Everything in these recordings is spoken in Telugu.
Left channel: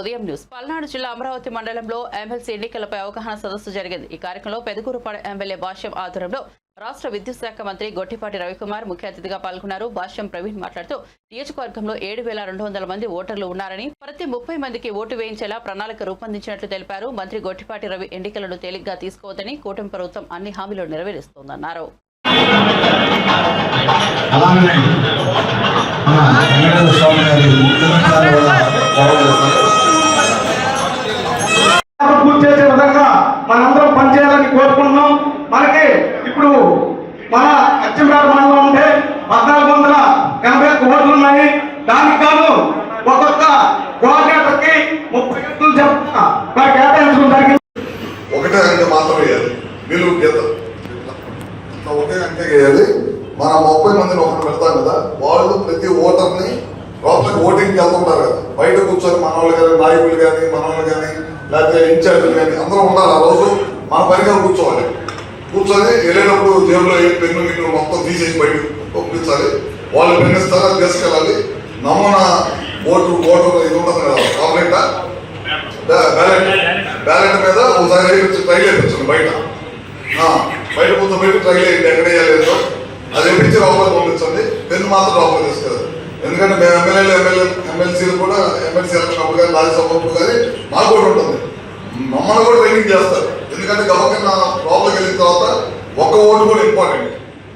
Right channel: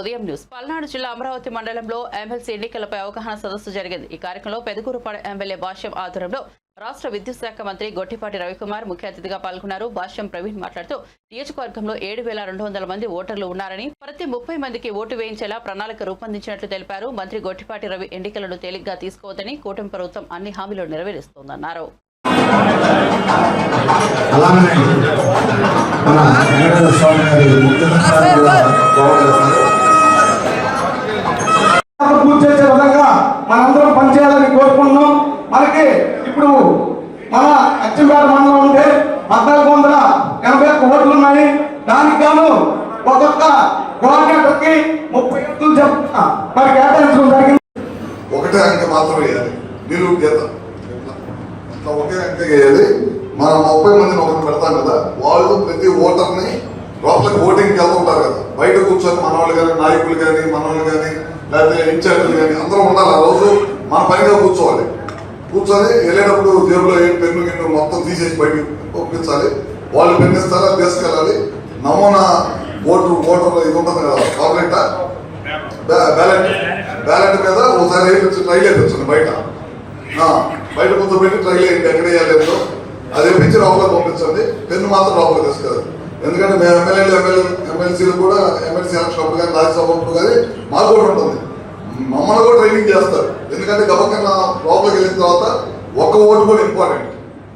ఉదయం న్యూస్. పల్నాడు జిల్లా అమరావతి మండలంలో ఎమ్మెల్సీ ఎన్నికలపై అవగాహన సదస్సు జరిగింది. ఈ కార్యక్రమంలో పెదకూరుపాడు ఎమ్మెల్యే భాష్యం ఆధ్వర్యంలో రాష్ట్ర విద్యుత్ శాఖ మంత్రి గొట్టిపాటి రవికుమార్ ముఖ్య అతిథిగా పాల్గొన్నారు. భాష్యం ప్రవీణ్ మాట్లాడుతూ నియోజకవర్గంలో ఏడు వేల రెండు వందల మంది ఓటర్లు ఉన్నారని ప్రతి ముప్పై మందికి ఓటు వేయించేలా ప్రణాళిక రూపొందించినట్లు తెలిపారు. మంత్రి గొట్టిపాటి రవి ఎన్నికలను తేలిగ్గా తీసుకోవద్దని కూటమి ప్రభుత్వం అన్ని హామీలు నెరవేరుస్తోందన్నారు. అలానే మన వెంకటేశ్వర స్వామి గారి ముఖ్య కూడా బాగుంటుంది పూర్తి చేసే విధంగా మనందరం పనిచేయాలని కోరుకుంటున్నాం మనకి ఇప్పుడు మన అచ్చంపేట మండలం ఉంటే పద్నాలుగు వందల ఎనభై ఒక్క ఓట్లు ఉన్నాయి దానికి గాను ఒక్కొక్క కోఆర్డినేటర్కి ముప్పై ఎట్లు చెప్తున్నా మరి కేటాయించడం జరిగింది ఒకటే అంకె మాత్రం వేయాలి వీళ్ళు గీత ఇట్లా ఒకే అంకె వేయాలి మన ముప్పై మందిని ఒకటి పెడతాం కదా వాళ్ళు ప్రతి ఓటర్ని లోపలికి ఓటింగ్కి వెళ్తుంటారు కదా బయట కూర్చొని మన వాళ్ళు కానీ నాయకులు కానీ మన వాళ్ళు కానీ లేకపోతే ఇన్ఛార్జీలు కానీ అందరూ ఉండాలి ఆ రోజు మన పనిగా కూర్చోవాలి. కూర్చొని వెళ్ళేటప్పుడు దేవుడు ఏ పెన్ను గిన్ను మొత్తం తీసేసి బయట పంపించాలి. వాళ్ళు పెన్ను ఇస్తారా తీసుకెళ్ళాలి. నమూనా ఓటు ఓటు ఇది ఉంటుంది కదా కాంప్లైంట్ బ్యాలెట్. బ్యాలెట్ మీద ఒకసారి వేయించి ట్రైల్ వేయించండి బయట. బయట కూర్చోబెట్టి ట్రైల్ వేయండి ఎక్కడ వేయలేదు అది వేయించి లోపలికి పంపించండి. పెన్ను మాత్రం లోపలికి తీసుకెళ్ళదు ఎందుకంటే మేము ఎమ్మెల్యేలు ఎమ్మెల్యే ఎమ్మెల్సీలు కూడా ఎమ్మెల్సీ ఎలక్షన్ అప్పుడు కానీ రాజ్యసభ అప్పుడు కానీ మాకు కూడా ఉంటుంది. మమ్మల్ని కూడా ట్రైనింగ్ చేస్తారు. ఎందుకంటే గవర్నర్ లోపలికి వెళ్ళిన తర్వాత ఒక్క ఓటు కూడా ఇంపార్టెంట్.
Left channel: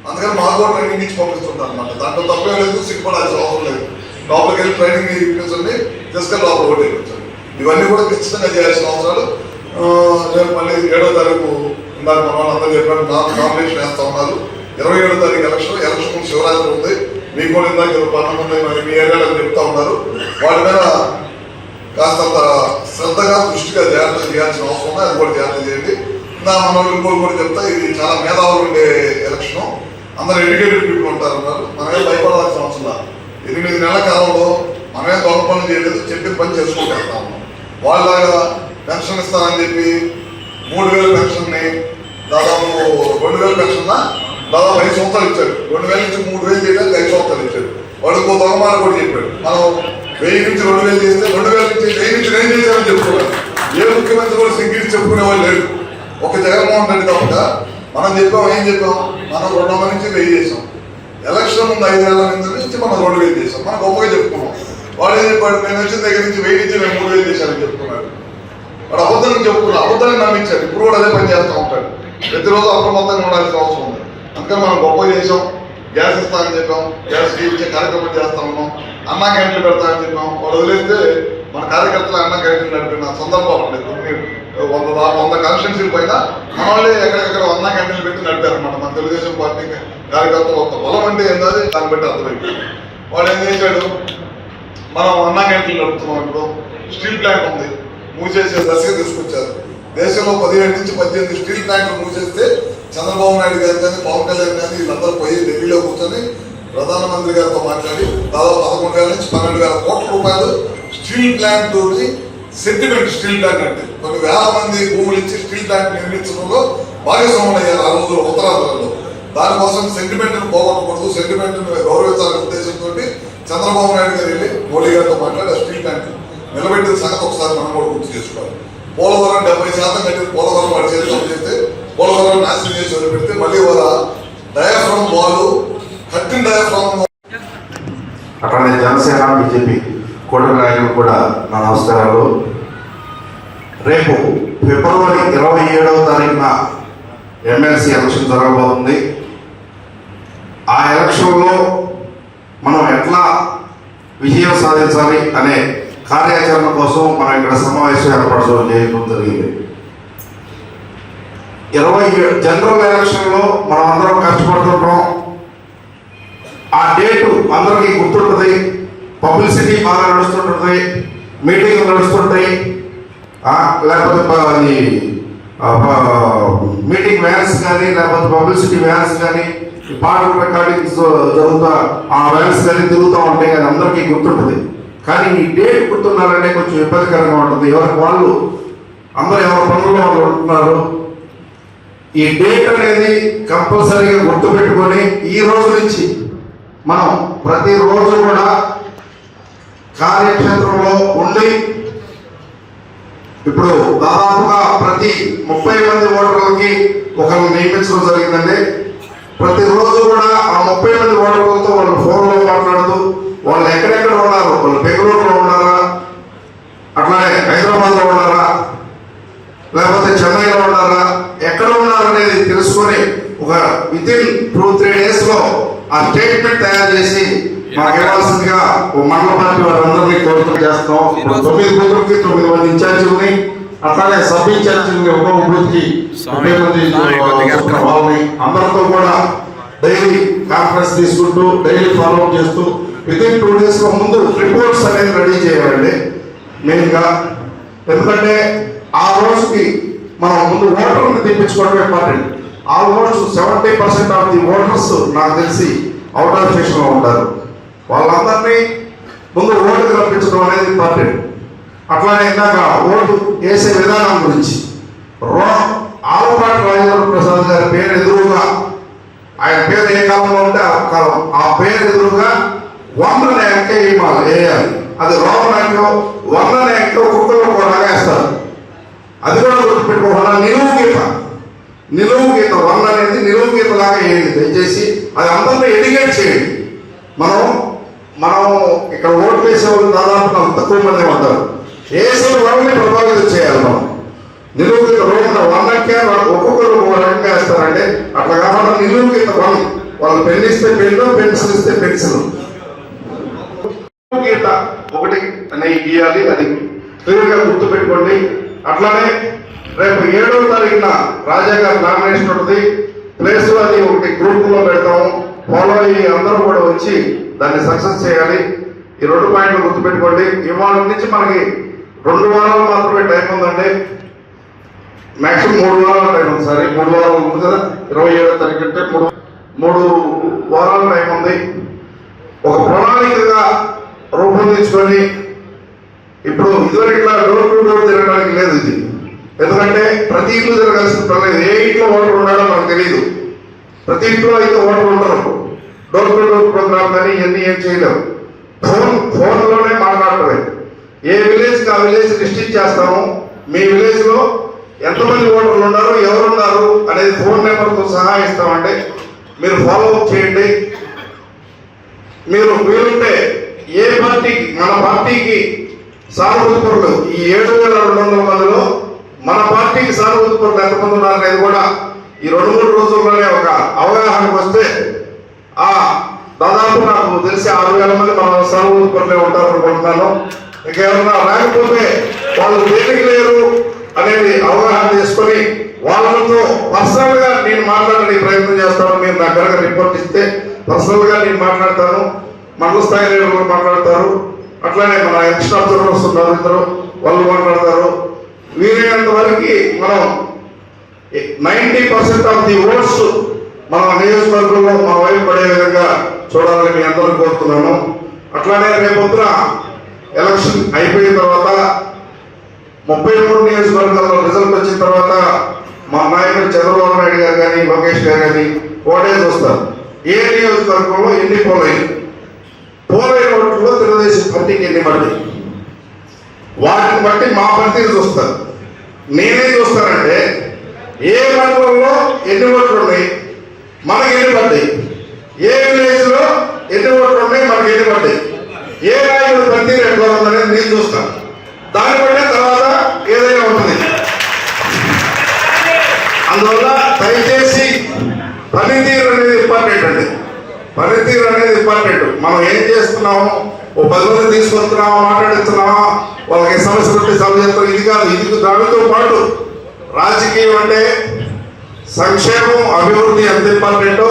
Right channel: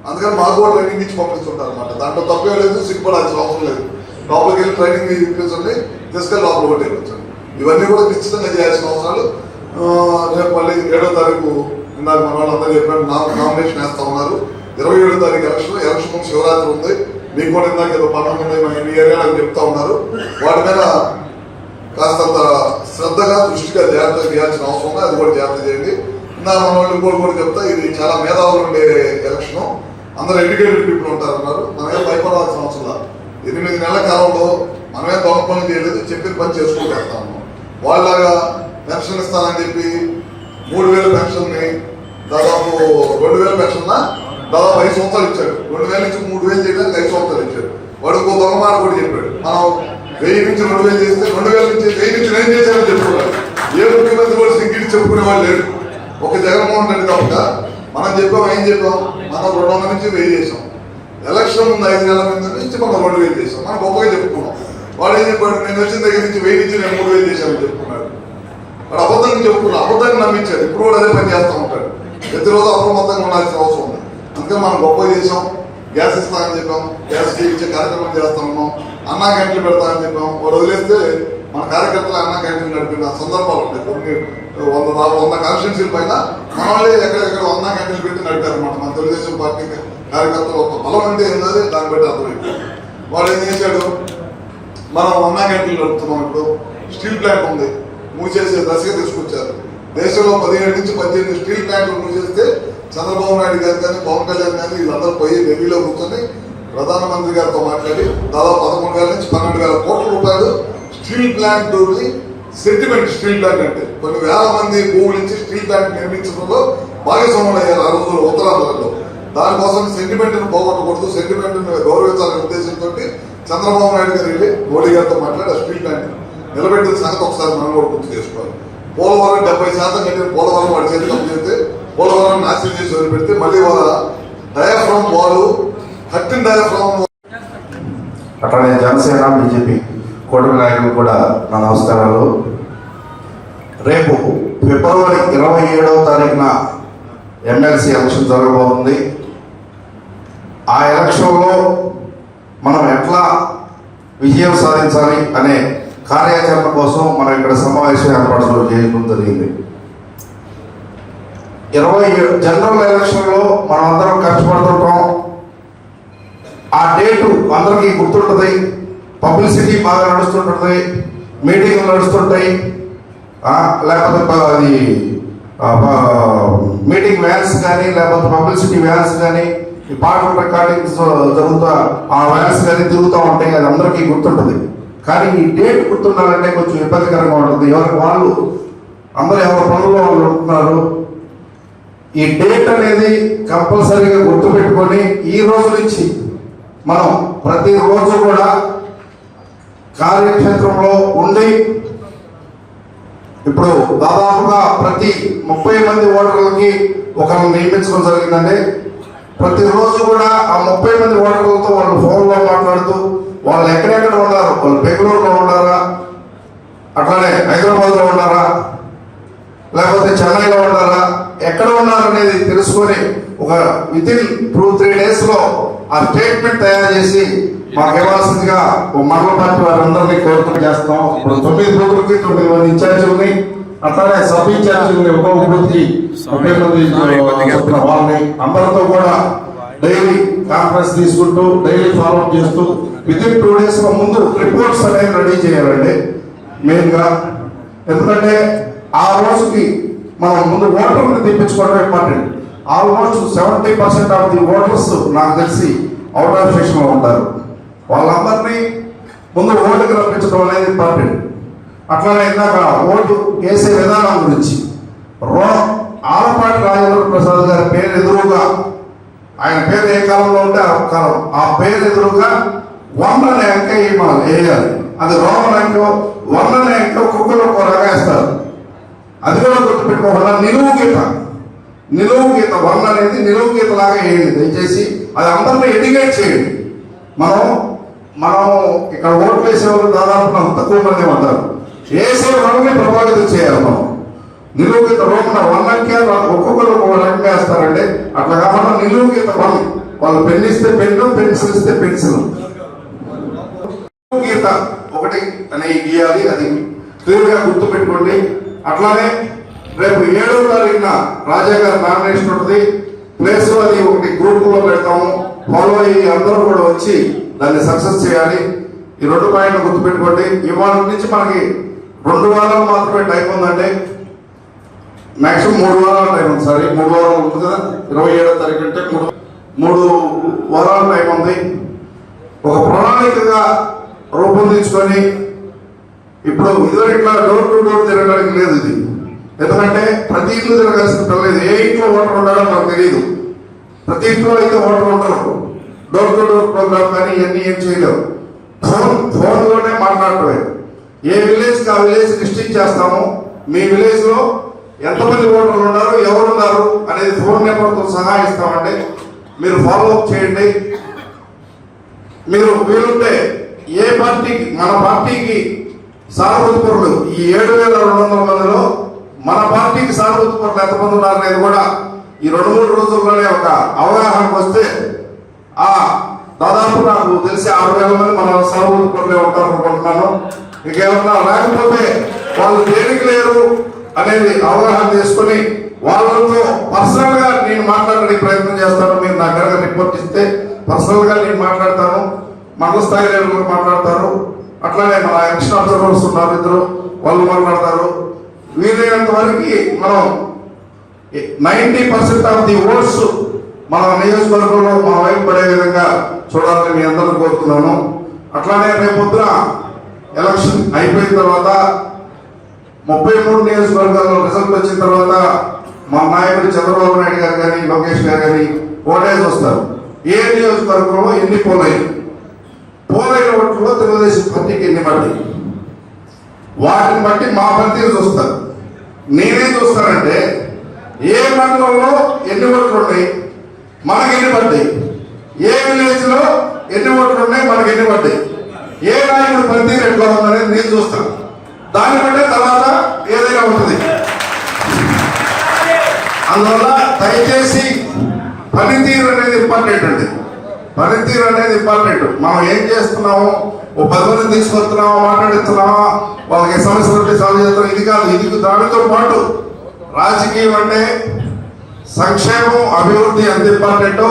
అందుకని మాకు కూడా ట్రైనింగ్ ఇచ్చి పంపిస్తుంటారు అనమాట దాంట్లో తప్పేం లేదు సిగ్గుపడాల్సిన అవసరం లేదు. లోపలికి వెళ్ళి ట్రైనింగ్ ఇప్పించండి తీసుకెళ్ళి లోపల ఓటు వేయించండి. ఇవన్నీ కూడా ఖచ్చితంగా చేయాల్సిన అవసరాలు. రేపు మళ్ళీ ఏడో తారీఖు ఇందాక మన వాళ్ళందరూ చెప్పినట్టు నా నామినేషన్ వేస్తా ఉన్నారు. ఇరవై ఏడో తారీఖు ఎలక్షన్ ఎలక్షన్ ముందు శివరాత్రి ఉంది. మీకు కూడా ఇందాక ఏదో పండుగ ఉన్నాయి మీ ఏరియాలో చెప్తా ఉన్నారు. వాటి మీద కాస్తంత శ్రద్ధగా దృష్టిగా జాగ్రత్త చేయాల్సిన అవసరం ఉంది అది కూడా జాగ్రత్త చేయండి. నా మన వాళ్ళు ఇంకోటి కూడా చెప్తా ఇది చాలా మేధావులు ఉండే ఎలక్షన్ అందరూ ఎడ్యుకేటెడ్ పీపుల్ ఉంటారు అన్నారు. మనమే భయపడాల్సిన అవసరం ఎనిమిది నెలల కాలంలో మనమే దొంగ పని చేయలేదు చెప్పిన పని చేసుకుంటూ వాళ్ళలాగా ఉన్నాం పెన్షన్ ఇస్తానని చెప్పి మూడు వేల పెన్షన్ని దాదాపు రెండు వేల పెన్షన్ దాదాపు ఐదు సంవత్సరాలు ఇచ్చాడు. రెండు వేల నుంచి మూడు వేలు చేయడానికి ఐదు సంవత్సరాలు ఇచ్చాడు. వాడు ఇంకో దొంగమాన కూడా చెప్పాడు. మనం వెయ్యి నుంచి రెండు వేలు చేస్తే రెండు వేల నుంచి వెయ్యి నుంచి నేను చేశానని చెప్పుకోవాలి. ఏ ముఖ్యమంత్రి కూడా సింగిల్ చెప్పుకునే వాళ్ళు లేరు. ఒక జగన్మోహన్ రెడ్డి తప్పక. మనం చెప్పాం ఏం చెప్పాం? మనం రెండు వందల నుంచి వెయ్యి చేసాం ఎలక్షన్ ముందు ఐదు నెలల నుంచి మనం రెండు వేలు చేసాం మనం గొప్పగా చెప్పుకున్నాం. వాడు ఏం చెప్పాడు? నేను వచ్చిన దగ్గర నుంచి వెయ్యి నుంచి నేను మూడు వేలు చేశాను చెప్పుకున్నాడు. వాడు అబద్ధం చెప్పుకున్నాడు. అబద్ధాన్ని నమ్మించాడు. ఇప్పుడు కూడా అదే పని చేస్తూ ఉంటాడు. ప్రతిరోజు అప్రమత్తంగా ఉండాల్సిన అవసరం ఉంది. అందుకే మనం గొప్ప చేసాం గ్యాస్ ఇస్తామని చెప్పాం. గ్యాస్ ఇచ్చే కార్యక్రమం చేస్తాము అన్న క్యాంటీన్లు పెడతామని చెప్పాం. వాడు వదిలేస్తే మన కార్యకర్తలు అన్న క్యాంటీన్ నడిపిన సందర్భాలు ఉన్నాయి కొన్ని వంద వంద కాన్స్టిట్యూన్సీల పైన మన వాళ్ళే ఎక్కడెక్కడ అన్నా క్యాంటీన్లు పెట్టి నడిపారన్నమాట. మన తెలుగుదేశం పార్టీ కార్యకర్తలు ఒక బలం అంటే ఏంటది దాన్ని బట్టి అర్థమైంది. వాడు ఏం చేశాడు? మనం అన్నా క్యాంటీన్లు నడుపుతున్నాం ఇప్పుడు. స్టీల్ ప్లాంట్ ఉంది. మూసేసే దశగా తీసుకొచ్చారు. దేశంలో పదిహేడు నుంచి పద్దెనిమిది స్టీల్ ప్లాంట్లు మూసేస్తే చంద్రబాబు నాయుడు గారు కానీ పవన్ కళ్యాణ్ కానీ వీళ్ళందరూ పోయి ఢిల్లీలో కూర్చొని ప్రధానమంత్రి గారితో మాట్లాడి దాదాపు పదకొండు వేల నుంచి పన్నెండు వేల కోట్ల రూపాయలు steel plant sentiment steel plant అంటే కొన్ని వేల మంది భూములు ఇచ్చి స్టీల్ ప్లాంట్ నిర్మించడంలో భాగస్వాములు అయ్యారు ఆ రోజులు ఉత్తరాంధ్రలో. దానికోసం సెంటిమెంట్ను పోగొట్టకూడదు సెంటిమెంట్ గౌరవించాలనే ఉద్దేశంతో చంద్రబాబు నాయుడు గారు వెళ్ళి మోడీ గారితో మాట్లాడి ఆ స్టీల్ ప్లాంట్ నిలబెట్టిన సంగతి ఒకసారి మనం కూడా గుర్తు చేసుకోవాలి. పోలవరం డెబ్బై శాతం కట్టిన పోలవరం వాడి చేతిలో చెప్తే పోలవరం నాశనం చేసి వదిలిపెడితే మళ్ళీ వాళ్ళ డయాఫ్రామ్ వాళ్ళు కట్టిన డయాఫ్రామ్ అట్లానే జనసేన బీజేపీ కూటమి నాయకులు కూడా నా నమస్కారాలు రేపు ఫిబ్రవరి ఇరవై ఏడవ తారీఖున ఎమ్మెల్సీ ఎలక్షన్ జరగబోతుంది. ఆ ఎలక్షన్లో మనం ఎట్లా విజయం సాధించాలి అనే కార్యాచరణ కోసం మనం ఇక్కడ సమావేశం ఏర్పరచడం చేయడం జరిగింది. ఇరవై ఏడు జనరల్ ఎలక్షన్లో మనం అందరం కష్టపడుతుంటాం. ఆ డేటు అందరికీ గుర్తుంటుంది. పబ్లిసిటీ బాగా నడుస్తుంటుంది. మీటింగ్లు నడుస్తుంటాయి. లేకపోతే అది మీటింగ్ వ్యాన్స్ కానీ లేకపోతే పబ్లిసిటీ వ్యాన్స్ కానీ పాటల రికార్డింగ్స్ జరుగుతా ఆ వ్యాన్స్ కానీ తిరుగుతూ ఉంటాయి అది అందరికీ గుర్తుంటుంది. కానీ ఈ డేట్ గుర్తుండాలంటే కొంచెం ఇబ్బందికరంగా ఉంటుంది. ఎవరికి వాళ్ళు అందరు ఎవరి పనుల్లో వాళ్ళు ఉంటున్నారు. ఈ డేట్ అనేది కంపల్సరీగా గుర్తుపెట్టుకొని ఈ రోజు నుంచి మనం ప్రతిరోజు కూడా కార్యక్షేత్రంలో ఉండి ఇప్పుడు దాదాపుగా ప్రతి ముప్పై మంది ఓటర్లకి ఒకరిని నియమించడం జరిగిందండి. ప్రతిరోజు కూడా ఆ ముప్పై మంది ఓటర్లతో వాళ్ళు ఫోన్లో మాట్లాడుతూ వాళ్ళు ఎక్కడెక్కడ ఉన్నారు? వాళ్ళు బెంగళూరులో ఉన్నారా అట్లానే హైదరాబాద్లో ఉన్నారా లేకపోతే చెన్నైలో ఉన్నారా ఎక్కడ ఉన్నారనేది తెలుసుకొని ఒక విత్ ఇన్ టూ త్రీ డేస్లో ఆ స్టేట్మెంట్ తయారు చేసి మాకు ఇవ్వాల్సిందిగా మండల పార్టీ వారందరినీ కోరిక చేస్తాం. తొమ్మిది బూతులకి తొమ్మిది మంది ఇన్ఛార్జీలని అట్లానే సబ్ ఇన్ఛార్జీలని కొద్దిగా ఎక్కడ? వాళ్ళని అందరితో కూడా డైలీ కాన్ఫరెన్స్ తీసుకుంటూ డైలీ ఫాలో అప్ చేస్తూ విత్ ఇన్ టూ డేస్ ముందు రిపోర్ట్స్ అనేది రెడీ చేయాలండి. మెయిన్గా ఎందుకంటే ఆ రోజుకి మనం ముందు ఓటర్ని తెప్పించుకోవడం important almost seventy percent of the voters నాకు తెలిసి అవుట్ ఆఫ్ స్టేషన్లో ఉంటారు. వాళ్ళందరినీ ముందు ఓటుకు రప్పించడం అనేది ఇంపార్టెంట్ అట్లానే ఇందాక ఓటు వేసే విధానం గురించి. రో ఆలపాటి రాజేంద్ర ప్రసాద్ గారి పేరు ఎదురుగా ఆయన పేరు ఏ కాలంలో ఉంటే ఆ కాలం. ఆ పేరు ఎదురుగా వన్ ఎంక వేయాలి. అది రోమన్ అంక వన్ అనే అంక ఒక్కొక్కరు ఒక్కొక్క అది కూడా గుర్తుపెట్టుకోవాలి. నిలువు గీత. నిలువు గీత వన్ అనేది నిలువు గీత లాగా వేయండి. దయచేసి అది అందరినీ ఎడిగేట్ చేయండి. మనం మనం ఇక్కడ ఓట్లు వేసే వాళ్ళు దాదాపు తక్కువ మంది ఉంటారు. వేసే వాళ్ళని ప్రభావితం చేయాలి మనం. నిలువు గీత రోమన్ వన్ అంకే ఒక్కొక్కరు ఒక రకంగా వేస్తారంటే అట్లా కాకుండా నిలువు గీత వన్ వాళ్ళు పెన్ ఇస్తే పెన్ను పెన్సిల్ ఇస్తే పెన్సిల్ గీత ఒకటి అనేది గీయాలి అది క్లియర్గా గుర్తు పెట్టుకోండి అట్లానే రేపు ఏడవ తారీఖున రాజా గారి నామినేషన్ ఉంటుంది. ప్లేస్ అది ఒకటి గ్రూప్లో పెడతాము ఫాలో అయ్యి అందరూ కూడా వచ్చి దాన్ని సక్సెస్ చేయాలి. ఈ రెండు పాయింట్లు గుర్తు పెట్టుకోండి ఇవాళ నుంచి మనకి రెండు వారాలు మాత్రమే టైం ఉందండి. మాక్సిమం మూడు వారాల టైం ఉంది సార్ మూడు వారాలు ఉంది కదా? ఇరవై ఏడో తారీఖు అంటే మూడు మూడు వారాల టైం ఉంది. ఒక ప్రణాళికగా రూపొందించుకొని ఇప్పుడు ఇదివరకు డోర్ టు డోర్ తిరగడానికి లేదు ఇది. ఎందుకంటే ప్రతి ఇంట్లో జరగాల్సిన పని లేదు ఏ ఇంట్లో ఓటర్ ఉన్నాడో మనకు తెలియదు ప్రతి ఇంట్లో అయితే ఓటర్ ఉండరు డోర్ టు డోర్ ప్రోగ్రామ్ కానీ ఇవన్నీ ఏం చేయలేవు ఫోన్ ఫోన్లోనే మాట్లాడటమే. ఏ విలేజ్ ఆ విలేజ్ డిస్ట్రిక్ట్ చేస్తాము? మీ విలేజ్లో ఎంతమంది ఓటర్లు ఉన్నారు? ఎవరు ఉన్నారు? అనేది ఫోన్ నెంబర్తో సహా ఇస్తామంటే మీరు ఫాలో అప్ చేయండి. మీరు వీలుంటే ఏ పార్టీకి మన పార్టీకి సానుభూతిపరులు ఈ ఏడు వేల రెండు వందల మందిలో మన పార్టీకి సానుభూతిపరులు ఎంతమంది ఉన్నారనేది కూడా ఈ రెండు మూడు రోజుల్లోనే ఒక అవగాహనకు వస్తే ఆ దాదాపు నాకు తెలిసి ఆరు వేల మంది మన సానుభూతిపరులే ఉంటారు అనుకుంటున్నాను. ఇంకేమన్నా లేకపోతే వాళ్ళు దేనికి లేరు అనేది అవగాహన చేసుకొని వాళ్ళతో పర్సనల్గా నేను మాట్లాడే ప్రయత్నం చేస్తాను. మీరు నా రిపోర్ట్ ఇస్తే పర్సనల్గా నేను మాట్లాడతాను. మండల స్థాయి మాట్లాడతారు. అట్లానే మన ఎక్స్ట్రా అబ్జర్వర్స్ ఉన్నారు ఇద్దరు. వాళ్ళు మాట్లాడతారు. వీలైనంత వరకు మనం ninety percent of the votes మన నియోజకవర్గంలో మన వైపు పడే విధంగా చూడాలని మీ అందరూ కోరుతున్నాను. అట్లానే రేపొద్దున ఎలక్షన్ అయిపోయిన తర్వాత ముప్పై మూడు నియోజకవర్గాల్లో రిజల్ట్ వచ్చిన తర్వాత మా నాయకుడు చంద్రబాబు నాయుడు గారు కానీ లోకేష్ గారు కానీ ఓటేసి వస్తారు. ఏ నియోజకవర్గంలో ఎన్ని పోలై పోలైన ఓట్లలో తెలుగుదేశం పార్టీకి ఎన్ని పడ్డాయి వాటిని బట్టి మా పనితీరు చూస్తారు. నేనేం చూస్తానంటే ఏ మండలంలో ఎన్ని ఓట్లు ఉన్నాయి? మనకి ఎన్ని పడ్డాయి ఏ విలేజ్లో ఎన్ని ఓట్లు ఉన్నాయి? మనకి ఎన్ని పడ్డాయి ఏ నాయకుడు పనితీరు ఎక్కువ ఉందనేది నేను చూస్తాను. దాన్ని బట్టే తర్వాత ఏదైనా ఉంటుంది. అందువల్ల దయచేసి పనితీరు అనేది ఇంపార్టెంట్ అండి. పనితీరు అనేది ఇంపార్టెంట్ మనం ఏం చేస్తున్నాము ఓ పది మంది తీసుకొస్తున్నావా మాట్లాడుతున్నావా? వాళ్ళకి సమస్యలు ఉంటే సమస్యలు ఇది కాదు ఇది దానితో పాటు రాజకీయం అంటే సంక్షేమం అభివృద్ధి ఎంత important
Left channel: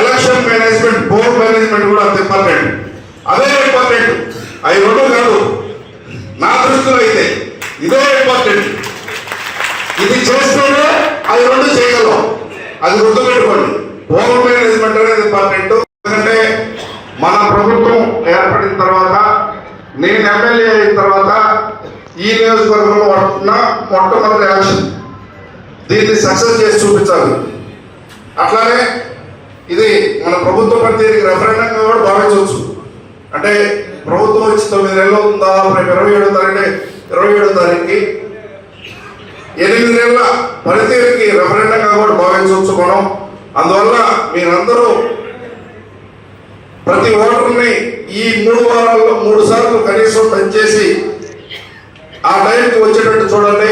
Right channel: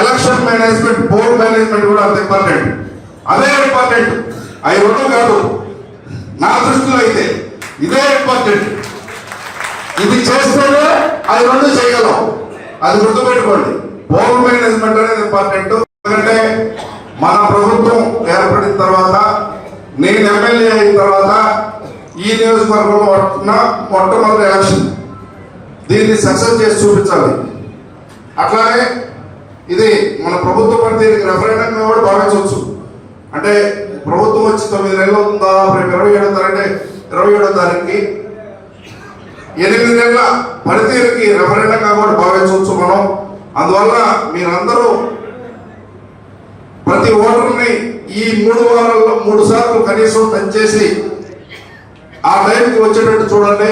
election management board management కూడా అంత ఇంపార్టెంట్ అదే ఇంపార్టెంట్ అవి రెండు కాదు నా దృష్టిలో అయితే ఇదే ఇంపార్టెంట్ ఇది చేస్తేనే అది రెండు చేయగలం అది గుర్తుపెట్టుకోండి హోమ్ మేనేజ్మెంట్ అనేది ఇంపార్టెంట్ ఎందుకంటే మన ప్రభుత్వం ఏర్పడిన తర్వాత నేను ఎమ్మెల్యే అయిన తర్వాత ఈ నియోజకవర్గంలో ఉన్న మొట్టమొదటి ఎలక్షన్. దీన్ని సక్సెస్ చేసి చూపించాలి. అట్లానే ఇది మన ప్రభుత్వ పనితీరుకి రెఫరెండంగా కూడా భావించవచ్చు. అంటే ప్రభుత్వం వచ్చి తొమ్మిది నెలలు అవుతుంది దాదాపు రేపు ఇరవై ఏడో తారీఖు ఇరవై ఏడో తారీఖుకి ఎనిమిది నెలల పనితీరుకి రెఫరెండంగా కూడా భావించవచ్చు మనం. అందువల్ల మీరందరూ ప్రతి ఓటర్ని ఈ మూడు వారాల్లో మూడు సార్లు కనీసం పనిచేసి ఆ టైంకి వచ్చేటట్టు చూడండి.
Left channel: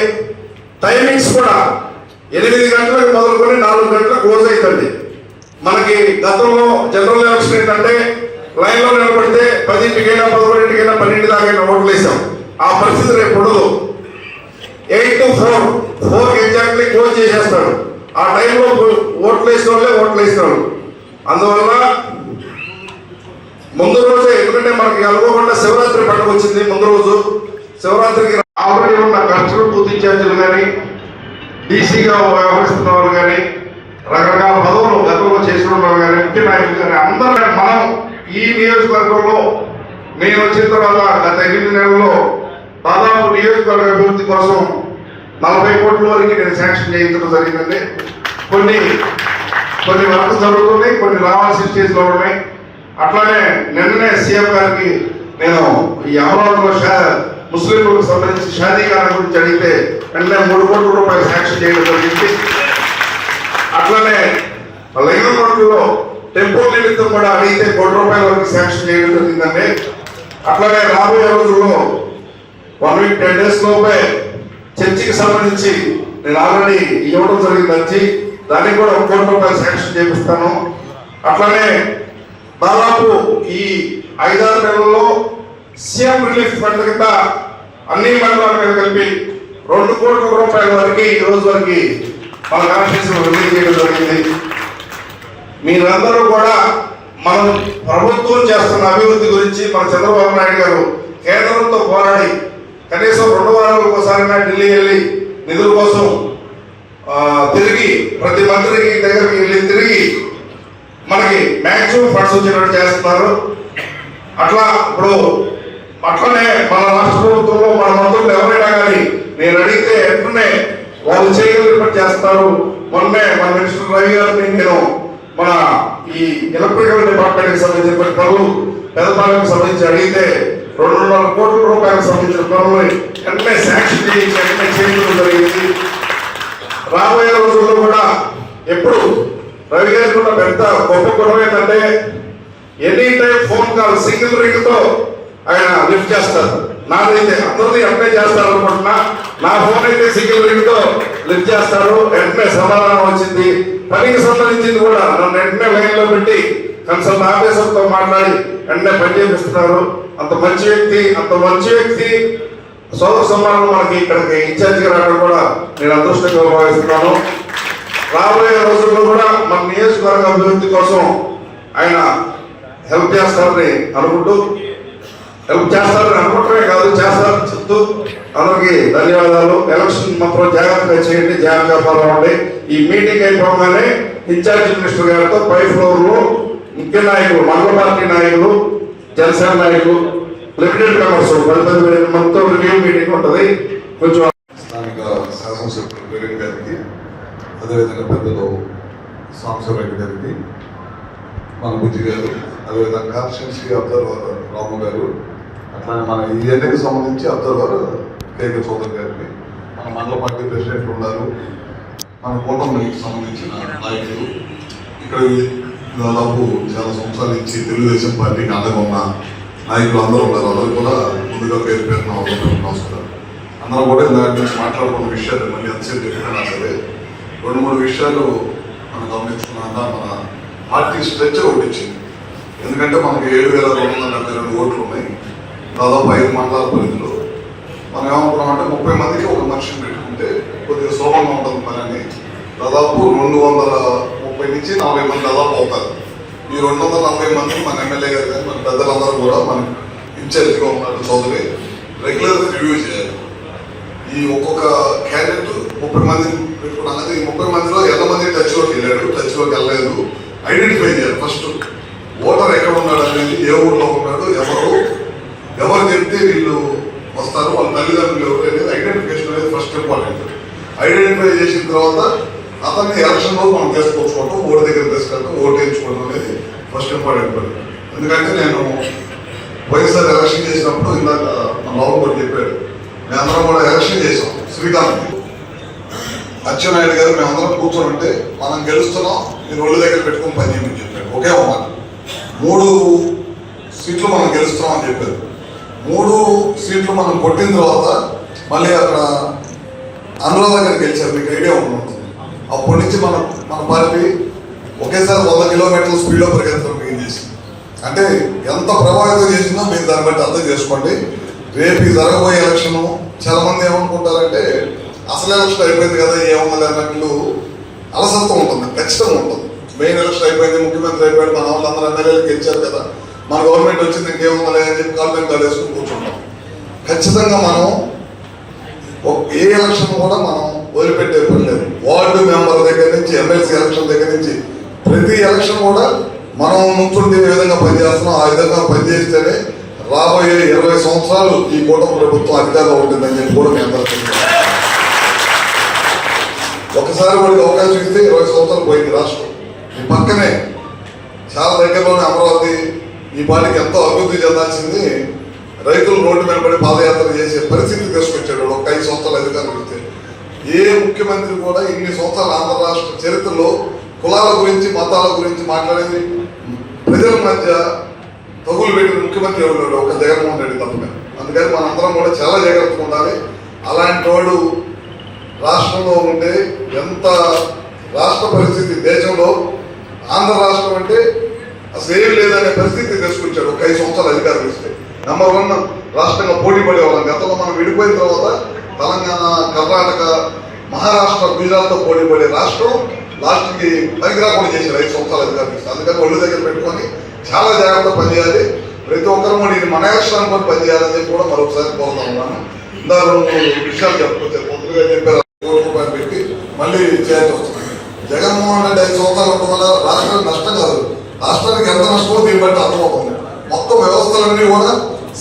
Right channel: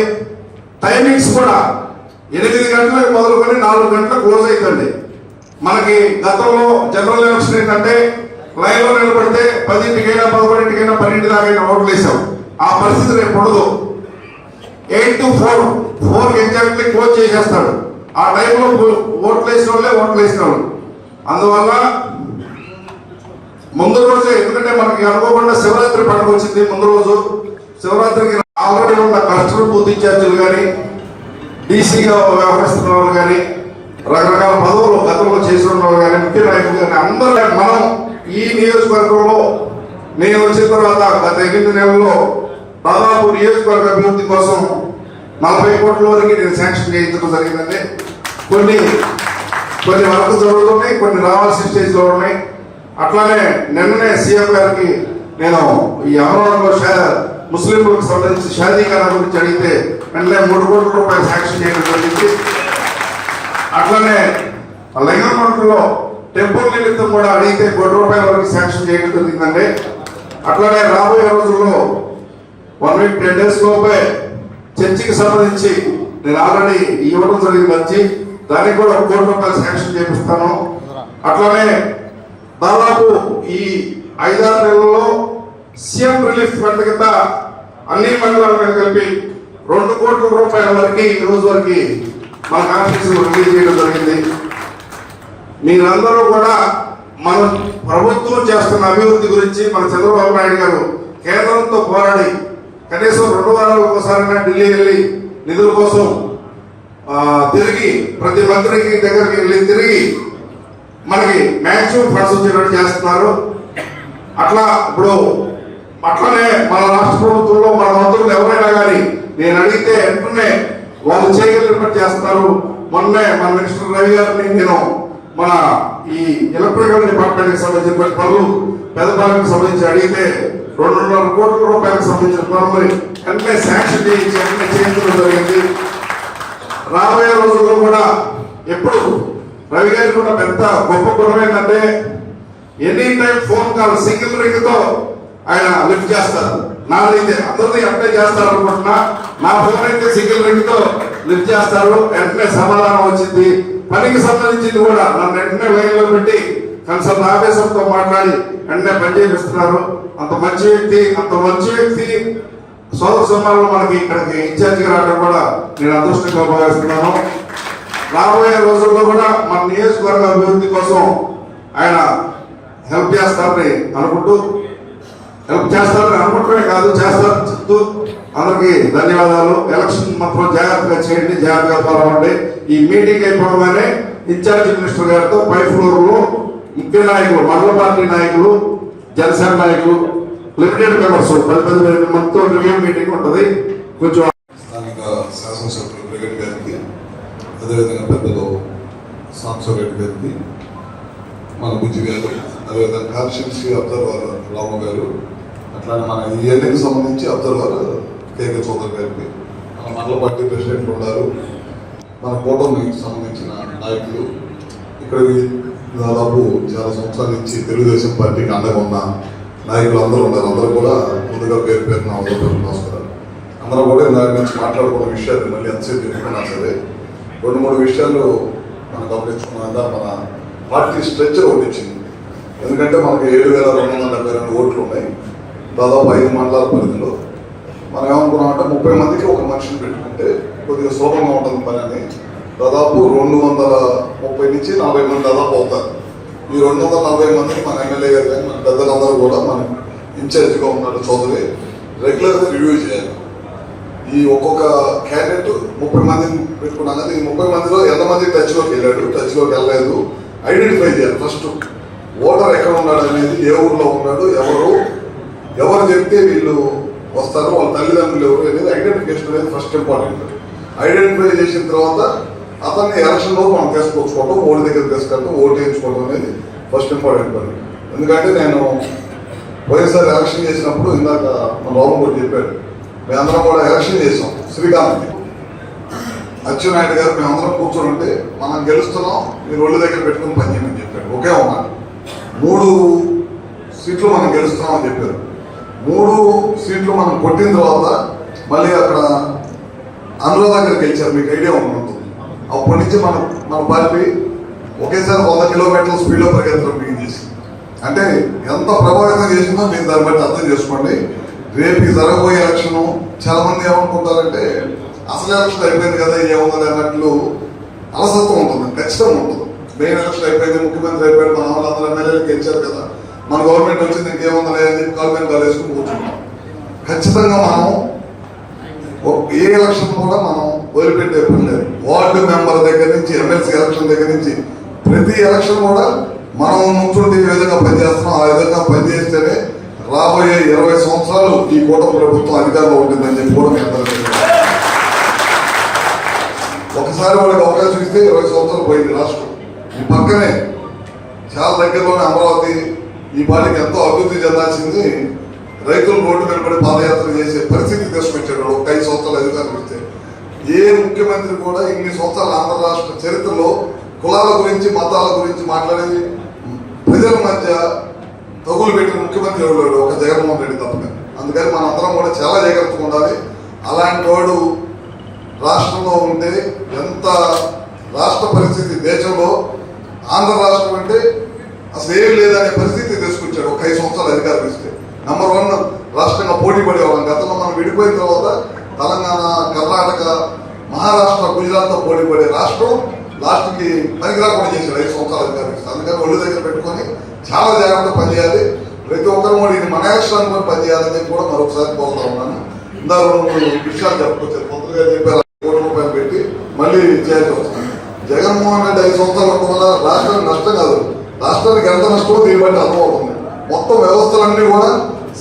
టైమింగ్స్ కూడా ఎనిమిది గంటలకు మొదలుకొని నాలుగు గంటలకు క్లోజ్ అవుతుంది మనకి గతంలో జనరల్ ఎలక్షన్ ఏంటంటే లైన్లో నిలబడితే పదింటికైనా పదకొండింటికైనా పన్నెండు దాకా ఓట్లు వేసాం ఆ పరిస్థితి రేపు ఉండదు. Eight to four. Four exactly close చేసేస్తాడు. ఆ టైంలో ఓట్లు వేసిన వాళ్ళే ఓట్లు వేసినాడు అందువల్ల ముందు రోజే ఎందుకంటే మనకి అనుకోకుండా శివరాత్రి పండుగ వచ్చింది ముందు రోజు. శివరాత్రికి ఆల్రెడీ ఉన్న కస్టమర్ బూత్ ఇన్ఛార్జీలు కానీ డీసీగా వ్యవహరిస్తున్న వాళ్ళు కానీ రకరకాల పదవులు గతంలో చేసిన వాళ్ళు కానీ ముఖ్య నాయకులు కానీ అందరూ మనం ఈ నియోజకవర్గంలో నేను వచ్చిన తర్వాత గత ఎనిమిది నెలల్లో దాదాపు నియోజకవర్గ అభివృద్ధి కోసం నలభై కోట్ల వరకు నేను శాంక్షన్ చేయించడం జరిగిందండి. కొన్ని కొన్ని వర్క్ జరుగుతున్నాయి కొన్ని రావాల్సిన స్టేజ్లో ఉన్నాయి. అట్లానే నిన్ననే సీఎం గారికి నేను ఈ అమరావతిలో ముస్లింలకు సంబంధించి షాదీకారం గురించి అడిగితే వెంటనే మూడు కోట్ల రూపాయలు శాంక్షన్ చేయడం జరిగింది. అట్లానే లింగమండలో టెంపుల్ నిమిత్తం కూడా అడిగితే కోటి రూపాయల వరకు శాంక్షన్ చేయడం జరిగిందండి. అట్లనే రాబోయే రోజుల్లో వన్ వీక్ టెన్ డేస్ లోపే చర్చికి సంబంధించి నేను ఆల్రెడీ ఇవ్వడం జరిగింది వచ్చి దానికి కూడా ఒక కోటి రూపాయలు శాంక్షన్ చేపిస్తాను అట్లనే దాదాపు ఈ ఐదారు నెలల్లో సీఎం రిలీఫ్ ఫండ్ కింద అన్ని మండలాలకు కలిపి రెండు కోట్ల రూపాయల వరకు ఈ రోజు వరకు మన కాన్స్టిట్యూషన్ రిలీజ్ చేయడం జరిగింది. మీరందరూ కూడా మనం ప్రభుత్వం చేస్తున్న అభివృద్ధి గురించి మన చంద్రబాబు నాయుడు గారు కేంద్రంతో పోరాడి కనీసం రెండు వారాలకు ఒకసారి ఢిల్లీ వెళ్ళి నిధుల కోసం తిరిగి ప్రతి మంత్రికి దగ్గరికి వెళ్ళి తిరిగి మనకి మ్యాక్సిమం ఫండ్స్ వచ్చేటట్టు చేస్తున్నారు. అట్లా ఇప్పుడు అట్లనే మన రాష్ట్ర ప్రభుత్వంలో మన మంత్రులు ఎవరైనా కానీ నేను అడిగితే వెంటనే వాళ్ళు చేయగలిగినట్టు చేస్తారు. మొన్నే మన మినిస్టర్ రవి గారిని నేను మన ఈ ఎలక్ట్రికల్ డిపార్ట్మెంట్కి సంబంధించిన కొన్ని పనులు పెద్దపాలకు సంబంధించి అడిగితే రెండున్నర కోట్ల రూపాయలకు సంబంధించిన పనులు వెంటనే శాంక్షన్ చేయించి వెంటనే చేయించడం జరిగింది. రాబోయే రోజుల్లో కూడా ఎప్పుడు రవి గారికి ఉన్న పెద్ద గొప్ప గుణం ఏంటంటే any time phone call single రింగ్తో ఆయన లిఫ్ట్ చేస్తారు. నాదైతే అందరినీ అప్లై చేస్తారు అనుకుంటున్నా. నా ఫోన్ అయితే సింగిల్ రింగ్తో లిఫ్ట్ చేస్తారు. వెంటనే సమాధానం వచ్చింది. పనికి సంబంధించింది కూడా నన్ను వెంటనే లైన్లో పెట్టి కన్సల్ట్ ఆఫీసర్తో మాట్లాడి వెంటనే పని చేపిస్తున్నారు. అంత మంచి వ్యక్తి అంత మంచి వ్యక్తి. సోదర సమానం మనకి ఇక్కడికి ఇన్ఛార్జిగా రావడం కూడా నేను అదృష్టంగా భావిస్తున్నాను. రాబోయే రోజుల్లో కూడా మన నియోజకవర్గ అభివృద్ధి కోసం ఆయన హెల్ప్ చేస్తారని అనుకుంటూ హెల్ప్ చేస్తారని అనుకోవటమే కాదు చేస్తారని చెప్తూ అందరికీ ధన్యవాదాలు. ఎలక్షన్ మాత్రం జాగ్రత్తగా చేయండి జాగ్రత్తగా ఫాలో ఈ మీటింగ్ అయిపోగానే ఇన్ఛార్జ్ మినిస్టర్ గారితో పై ఫ్లోర్లో ముఖ్య నాయకులు మండల పార్టీ నాయకులు జనసేన నాయకులు లిమిటెడ్ మెంబర్స్ పది పది వేల మొత్తం రివ్యూ మీటింగ్ ఉంటుంది. కొంచెం స్థానిక శాసనసభ్యులు జగన్ గారికి అదేవిధంగా పెద్దలు సాంసరెడ్డి గారికి మన బుద్ధి గారు అదేవిధంగా కాన్స్టిట్యున్సీ అబ్జర్వర్ రాము గారు అట్లానే మన ఈ ఏరియాకి సంబంధించి అబ్జర్వర్ కేకే చౌదరి గారికి. మన మండల పార్టీ ప్రెసిడెంట్లు ఉన్నారు. మన కూటమికి సంబంధించిన నాయకులు. ఇక్కడ దాదాపు చాలా సంవత్సరాల నుంచి తెలుగుదేశం పార్టీకి అండగా ఉన్న నాయకులు అందరూ ఉన్నారు. అందరూ కూడా ముందుగా పేరు పేరున అందరూ నమస్కారం. అందరూ కూడా ఇందాక నుంచి మాట్లాడుకున్న విషయాలు మళ్ళీ ఎంతసేపు చెప్పుకున్నా సరే రెండు మూడు విషయాలు మనం గమనించుకున్నా మన పార్టీ స్ట్రెచ్ ఒకటి ఇచ్చింది ఎందుకంటే మనకి ఏడు వేల రెండు వందల డెబ్బై రెండు ఓట్లు ఉన్నాయి. దాదాపు ఐదు మండలాల పరిధిలో మనం ఏమనుకున్నామంటే ముప్పై మందికి ఒక మనిషిని పెట్టుకుంటే కొద్దిగా సులభంగా ఉంటుంది పని అని దాదాపు రెండు వందల ముప్పై నుంచి నలభై మంది దాదాపు అవుతారు. ఈ రెండు వందల నలభై మందిని మన ఎమ్మెల్యే గారు కానీ మన పెద్దలందరూ కూడా మన ఇన్ఛార్జ్గా ఉన్నాడు చౌదరి రెగ్యులర్గా రివ్యూ చేయాలి. ఈ ఒక్కొక్క క్యాండిడేట్ ముప్పై మందిని పెట్టుకున్నాం కదా ఈ ముప్పై మందిలో ఎంతమంది టచ్లోకి వెళ్ళాడు టచ్లోకి వెళ్ళలేదు. ఐడెంటిఫై చేయాలి ఫస్ట్ ఓటర్ ఎక్కడ ఉన్నాడు అనేది ఏ ఊర్లో ఉన్నాడు ఎవరు ఎవరు చెప్తే వీళ్ళు వస్తారు వాళ్ళ తల్లిదండ్రులు ఎవరు అనేది ఐడెంటిఫికేషన్ అనేది ఫస్ట్ ఇంపార్టెంట్ ఐడెంటిఫై చేసిన తర్వాత అతన్ని ఎలక్షన్లో మనం తీసుకొచ్చుకోవడం ఓటు దగ్గర తీసుకెళ్ళడం ఓటు వేయించుకోవడం అనేది ఫస్ట్ ఇంపార్టెంట్ పని ఎందుకంటే నేను పోయినసారి ఎలక్షన్ చేసినప్పుడు ఇందాక మన లోపల కూడా చెప్పాడు మేమందరం కూడా ఎలక్షన్ చేసాం శ్రీకాంత్ అచ్చెన్నాయుడు గారు మేమందరం కూర్చొని ఉంటే మనం గెలుస్తున్నాం మీరు ఒళ్ళు దగ్గర పెట్టుకుని పని చేయమని చెప్పాడు. ఒకే మాట. మూడు సీట్లు మనం గెలుస్తున్నాం అని చెప్పారు మూడు సీట్లు మనం కొట్టిన తర్వాత మళ్ళీ అక్కడ అనురాధ గారు గెలిచారు. మీకు ఐడియా ఉంటుంది అప్పటి నుంచి మనం మన పార్టీ ఒకేసారి వంద కిలోమీటర్ల స్పీడ్లో పరిగెత్తడం చేసి అంటే ఎంత ప్రభావితం చేసిందో మీరు దాన్ని బట్టి అర్థం చేసుకోండి. రేపు జరగబోయే ఎలక్షన్ చాలా మంది ఏమనుకుంటారంటే అసలు ఎలక్షన్ అయిపోయింది కదా ఏముంది అన్నట్లు అలసత్వం ఉంటుంది ఖచ్చితంగా ఉంటుంది. మెయిన్ ఎలక్షన్ అయిపోయింది ముఖ్యమంత్రి అయిపోయాడు మన వాళ్ళందరూ ఎమ్మెల్యేలకు గెలిచారు కదా. మన గవర్నమెంట్ వచ్చింది ఇంకేముందలే అని చెప్పి కాళ్ళు మీద కూర్చుంటాం. ఖచ్చితంగా మనం ఒక- ఏ ఎలక్షన్ కూడా మనం వదిలిపెట్టే పని లేదు. వార్డు మెంబర్ దగ్గర నుంచి ఎమ్మెల్సీ ఎలక్షన్ దగ్గర నుంచి ప్రతి ఎలక్షన్ కూడా మనం నుంచుంటే ఏ విధంగా పనిచేస్తున్నాం. ఆ విధంగా పనిచేస్తేనే రాబోయే ఇరవై సంవత్సరాలు ఈ కూటమి ప్రభుత్వం అధికారంలో ఉంటుందని చెప్పి కూడా మేము అందరూ ఒకసారి వాడికి అవకాశం ఇస్తే ఇరవై సంవత్సరాలు పోయింది రాష్ట్రం. ఈ పక్కనే చాలా దగ్గరలోనే అమరావతి ఈ పాటికి ఎంతో అభివృద్ధి చెందాల్సింది రైతులు రోడ్డు మీద పడి పాదయాత్ర చేసే పరిస్థితి తీసుకొచ్చాడు ఒక ఐదు సంవత్సరాలు అధికారం ఇస్తే. ఏ ముఖ్యమంత్రి కూడా ఇన్ని సంవత్సరాల ఆంధ్ర రాష్ట్ర చరిత్రలో కులాల గురించి మతాల గురించి మాట్లాడేది ప్రజల మధ్య తగులు పెట్టిన ముఖ్యమంత్రి ఎవరు ఒక జగన్మోహన్ రెడ్డి తప్పక. అందుకని మనందరం కూడా చాలా జాగ్రత్తగా ఉండాలి. అలాంటి వాడు రాష్ట్రంలో ఉంటే ఎంత రాష్ట్ర పరిస్థితి దేశంలో ఆంధ్ర రాష్ట్రం అంటే అసలు ఏం లేదనే పరిస్థితి తీసుకొచ్చాడు ఒక ఐదు సంవత్సరాలు అధికారం ఇస్తే నెంబర్ వన్ రాష్ట్రంగా పోటీ పడేవాళ్ళం. గతంలో మనం విడిపోయిన తర్వాత తెలంగాణ కర్ణాటక మహారాష్ట్ర గుజరాత్తో పోటీ పడే రాష్ట్రం లాస్ట్కి పనికిరాకుండా చేసి ఐదు సంవత్సరాలు అధికారం ఇస్తారు అందుకని ఒళ్ళు దగ్గర పెట్టుకొని చాలా జాగ్రత్త పనిచేయాలి. ప్రతి ఒక్కరు కూడా మన ఎలక్షన్ అనుకుని పనిచేయాలని చెప్పి కూడా మరొకసారి కోరుతా ఉన్నాను. ఇందాక విషయాలు చెప్పొచ్చారు పొద్దుగా చెప్పారు కోటి రూపాయలు పెట్టి మళ్ళీ చేయాల్సి వస్తుంది. జగన్మోహన్ రెడ్డి ఐదు సంవత్సరాల ఉండడం వల్ల నష్టం కాదు. రాష్ట్రానికి ఎంత నష్టమో దీన్ని బట్టి అర్థమవుతుంది. మొత్తం వ్యవస్థలన్నీ కూడా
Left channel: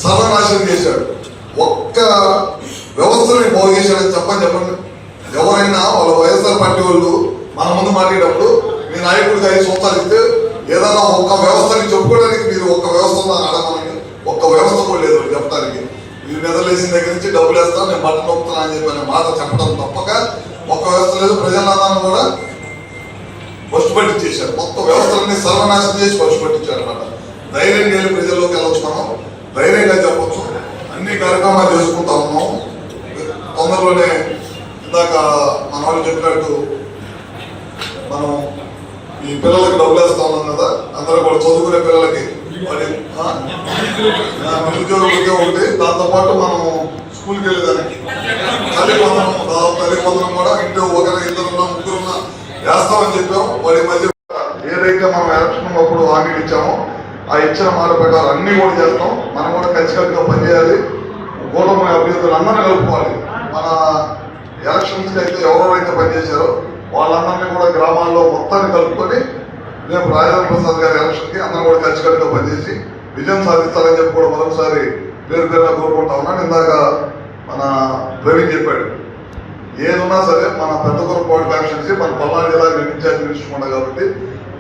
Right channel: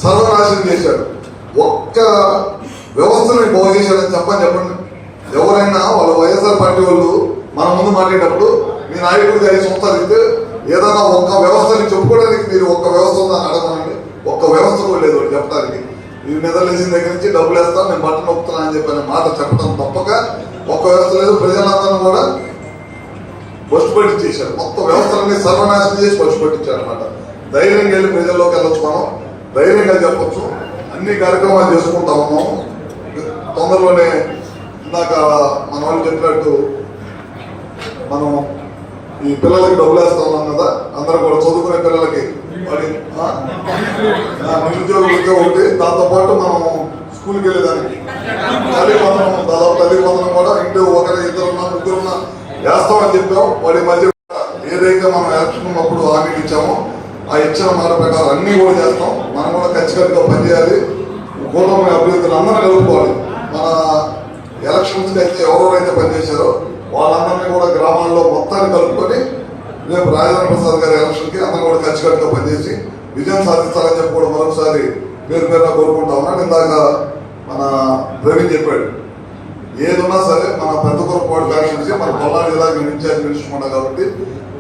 సర్వనాశనం చేశాడు ఒక్క వ్యవస్థలని బాగు చేశాడని చెప్పని చెప్పండి. ఎవరైనా వాళ్ళ వైఎస్ఆర్ పార్టీ వాళ్ళు మన ముందు మాట్లాడేటప్పుడు మీ నాయకుడికి ఐదు సంవత్సరాలు ఇస్తే ఏదైనా ఒక్క వ్యవస్థని చెప్పుకోవడానికి మీరు ఒక్క వ్యవస్థ ఉందని అడగమండి. ఒక్క వ్యవస్థ కూడా లేదు చెప్పడానికి. మీరు నిద్రలేసిన దగ్గర నుంచి డబ్బులు వేస్తాను నేను బట్టలు నొప్పుతున్నాను అని చెప్పిన మాట చెప్పడం తప్పక. ఒక్క వ్యవస్థ లేదు ప్రజలందరూ కూడా బస్సు పట్టించేశారు మొత్తం వ్యవస్థలన్నీ సర్వనాశనం చేసి బస్సు పట్టించారు అనమాట ధైర్యంగా వెళ్ళి ప్రజల్లోకి వెళ్ళొచ్చు మనం. ధైర్యంగా చెప్పొచ్చు. అన్ని కార్యక్రమాలు చేసుకుంటా ఉన్నాం. తొందరలోనే ఇందాక మన వాళ్ళు చెప్పినట్టు మనం ఈ పిల్లలకి డబ్బులు వేస్తా ఉన్నాం కదా అందరూ కూడా చదువుకునే పిల్లలకి. వాడి ఆ? ఒకటి. దాంతో పాటు మనం స్కూల్కి వెళ్ళేదానికి. తల్లి వందనం దాదాపు తల్లి కూడా ఇంటి ఒకరి ఇద్దరున్నా వేస్తామని చెప్పాం వాడి మధ్య ఏదైతే మనం ఎలక్షన్ అప్పుడు హామీలు ఇచ్చామో ఆ ఇచ్చిన మాట ప్రకారం అన్ని కూడా చేస్తాం. మనం కూడా ఖచ్చితంగా పనిచేయాలి కూటమి అభ్యర్థులు అందరూ కలుపుకోవాలి. మన ఎలక్షన్స్కి అయితే ఎవరెవరైతే పనిచేశారో వాళ్ళందరినీ కూడా గ్రామాల్లో మొత్తాన్ని కలుపుకొని రేపు రాజేంద్ర ప్రసాద్ గారి ఎలక్షన్కి అందరం కూడా ఖచ్చితంగా పనిచేసి విజయం సాధిస్తారని చెప్పి కూడా మరొకసారి పేరు పేరున కోరుకుంటా ఉన్నాను ఇందాక మన ప్రవీణ్ చెప్పాడు. ఏది సరే మన పెద్ద కోట కాన్స్టిట్యూన్సీ మన పల్నాడు జిల్లా నేను ఇన్ఛార్జ్ మినిస్టర్ ఉన్నా కాబట్టి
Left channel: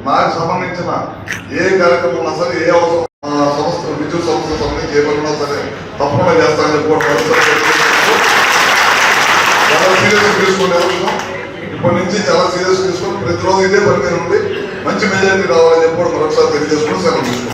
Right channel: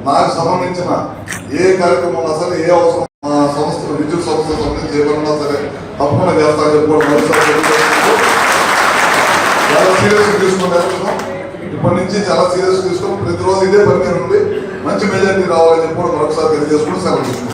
నాకు సంబంధించిన ఏ కార్యక్రమం ఉన్నా సరే ఏ అవసరం సంస్థ విద్యుత్ సంస్థ సంబంధించి ఏ పని ఉన్నా సరే తప్పకుండా చేస్తానని చెప్పుకోవడం చాలా సీరియస్ తీసుకునే ఇప్పటి నుంచి చాలా సీరియస్ తీసుకొని ప్రతిరోజు ఇదే పని మీద ఉండి మంచి మెజార్టీ రావాలని చెప్పుకోవడం కూడా మరొకసారి తెలియజేసుకుని సెలవు తీసుకుంటాం